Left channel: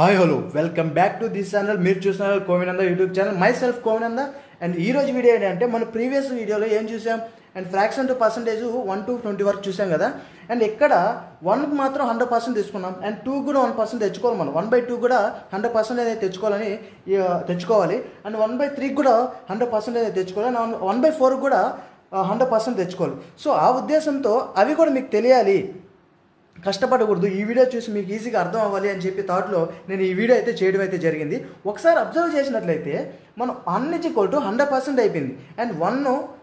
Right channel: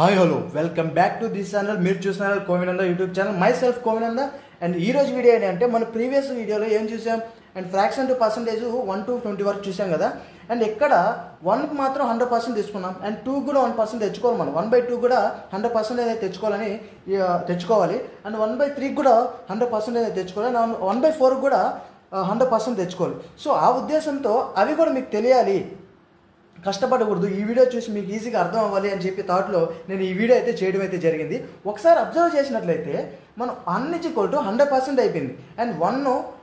Hi hello welcome back to this channel. మీరు చూస్తున్నారు Kovinanda YouTube channel. Myself Kovinanda. And ఈ రోజు వీడియో ఏంటంటే మన ప్రీవియస్ వీడియోలో ఏం చూసాం and fraction to percentage 1 to 20 వరకు చూసాం కదా. అండ్ ఇక్కడ 1కు మాత్రం 100% తీసుకున్నాం అండ్ 2 కూడా 1% తెచ్చుకోవాలి. మనం 1/2 కూడా 100% అనేది తెచ్చుకోవాలి అండ్ 1/3 కూడా 100% అనేది తెచ్చుకోవాలి అండ్ 1/4 కూడా 100% తెచ్చుకోవాలి. సో ఆ ఉద్దేశంతో అవి కూడా మీకు తెలియాలి, కష్టపడకూడదు, ఈ వీడియో చూసి మీకు ఈజీగా అర్థం అవ్వాలి అని చెప్పి థాట్లో నేను ఈ వీడియో అయితే చేయడం అయితే జరిగింది. ఒకసారి అబ్జర్వ్ చేసినట్లయితే మనం 1 = 100% అయిపోయింది అండ్ 1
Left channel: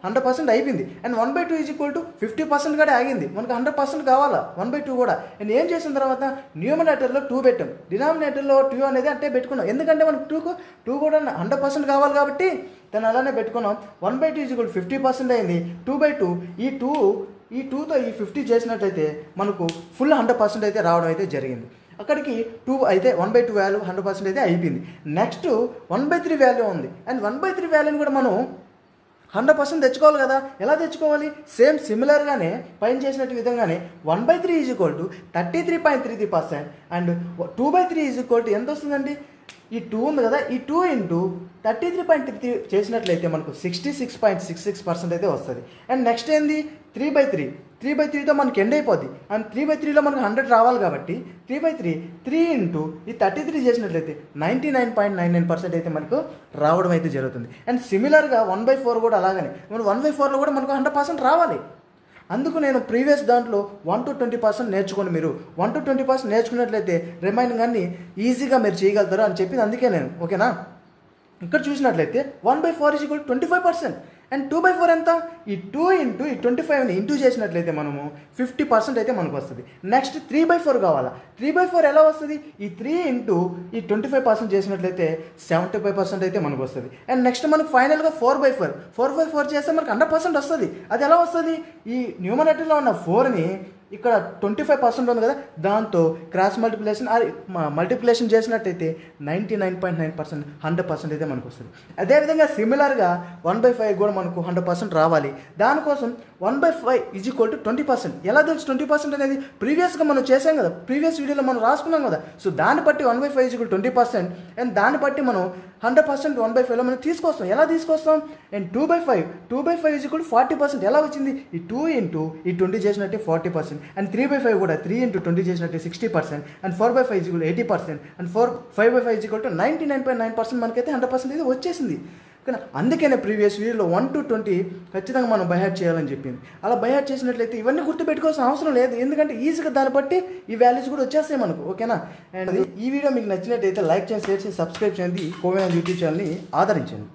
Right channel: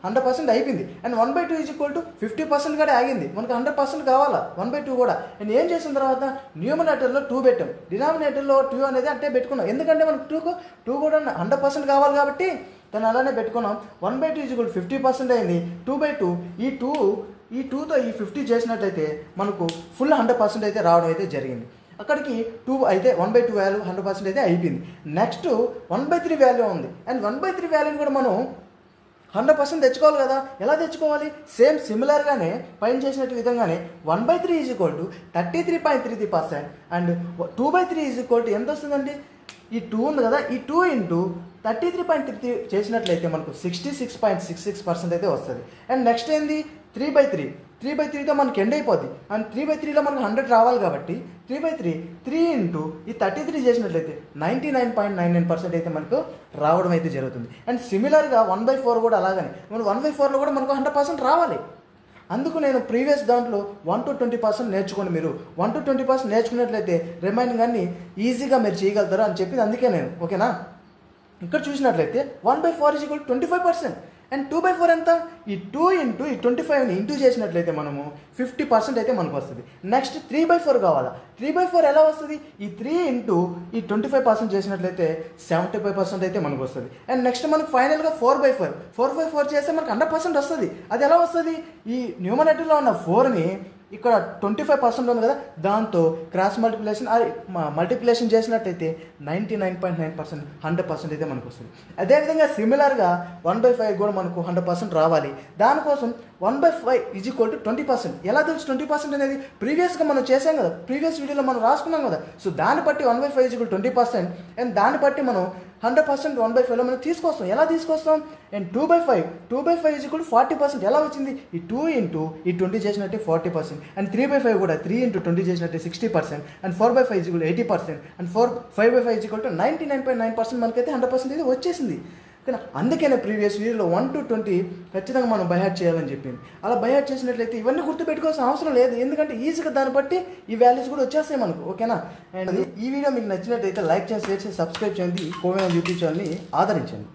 100% అయిపోయింది అండ్ 1/2 = 50% కూడా ఆగింది. మనకు 100% కావాలా 1/2 కూడా. నేను ఏం చేసిన తర్వాత న్యూమరేటర్లో 2 పెట్టాం, డినామినేటర్లో 2 అనేది అంటే పెట్టుకున్నాం. ఎందుకంటే మనకు 2 కూడా 100% కావాలి కాబట్టి దాన్ని అలానే పెట్టుకున్నాం. 1/2 = 50% అయింది. 2/2 ఈ 2తో ఈ 50 చేసినట్లయితే మనకు ఫుల్ 100% అయితే రావడం అయితే జరిగింది. అక్కడికి 2 అయితే 1/2 వాల్యూ 100% అయితే అయిపోయింది. నెక్స్ట్ 1/3 వాల్యూ ఉంది అండ్ 1/3 వాల్యూని కూడా మనం 100% తెచ్చుకోవాలి కదా. ఎలా తెచ్చుకోవాలి? సేమ్ సిమిలర్గానే పైన చేసినట్టు విధంగానే 1/3 = 33.33% అండ్ 2/3 ఎంత వస్తుందండి? ఈ 2 ఉంది కదా, ఈ 2 × 33.33 చేసినట్లయితే మనకు 66.66% అయితే వస్తుంది. అండ్ నెక్స్ట్ ఏంది? 3/3తో మనకి ఎండ్ అయిపోద్ది అండ్ 3/3లో మనకు 100 రావాలి కాబట్టి 3/3 3 × ఈ 33 చేసినట్లయితే 99.99% అయితే మనకు రావడం అయితే జరుగుతుంది. అండ్ సిమిలర్గా 1/4 కూడా అలాగనే 1/4లో కూడా మనకు 100% రావాలి. అందుకు నేను ప్రీవియస్ దాంట్లో 1 to 20% నేర్చుకోండి. మీరు 1 to 20% నేర్చుకున్నట్లయితే రిమైనింగ్ అన్ని ఈజీగా మీరు చేయగలుగుతారు అని చెప్పింది అందుకే నేను. ఓకేనా? ఇక్కడ చూసినట్లయితే 1/4 = 25% అండ్ 2/4 ఎంత? ఈ 2 × ఈ 25ని ఇంటూ చేసినట్లయితే మనము 50% అయితే మనకు వస్తుంది. నెక్స్ట్ 3/4 కావాలా. 3/4 ఎలా వస్తుంది? ఈ 3 × ఈ 25% చేసినట్లయితే 75% అయితే మనకు వస్తుంది. అండ్ నెక్స్ట్ మనకు ఫైనల్గా 4/4 చేస్తే మనకు 100% వస్తుంది. అది ఎలా వస్తుంది? ఈ న్యూమరేటర్లో ఉన్న 4ని ఇక్కడ 25% ఉంది కదా, దాంతో క్రాస్ మల్టిప్లికేషన్ చేసినట్టయితే 99.9% 100% అయితే మనకు వస్తుంది. అదేవిధంగా సిమిలర్గా 1/5 కూడా మనకు 100% రావాలి. దానికోసం 1/5 = 20%. ఎలా తెలుసు 20% అనేది? ప్రీవియస్గా మనం చేసాం కదా, ప్రీవియస్ వీడియోలో మనం రాసుకున్నాం కదా. సో దాన్ని బట్టి 1/5 = 20% అండ్ దాన్ని బట్టి మనం 100% 1/5లో మనం తీసుకొస్తాం. ఎలా తీసుకొస్తాం? అండ్ 2/5 = 40%. ఎలా వచ్చింది? ఈ 2 × ఈ 20 చేసినట్టే 40% అండ్ 3/5 కూడా 3 × 20 చేసినట్టే 60% అండ్ 4/5 = 80% అండ్ 5/5 = 99.9% మనకైతే 100% అయితే వచ్చేసింది. కానీ అందుకనే ప్రీవియస్ వీడియోలో 1 to 20 ఖచ్చితంగా మనం బై హార్ట్ చేయాలని చెప్పింది. అలా బై హార్ట్ చేసినట్లయితే ఇవన్నీ గుర్తుపెట్టుకోవాల్సిన అవసరం లేదు, ఎందుకంటే ఈజీగా దాన్ని బట్టి ఈ వాల్యూస్ కూడా వచ్చేస్తాయి మనకు. ఓకేనా? అండ్ ఈ వీడియో మీకు నచ్చినట్లయితే లైక్ చేయండి, షేర్ చేసి సబ్స్క్రైబ్ చేయండి. కోవినంద యూట్యూబ్ ఛానల్ని ఆదరించండి.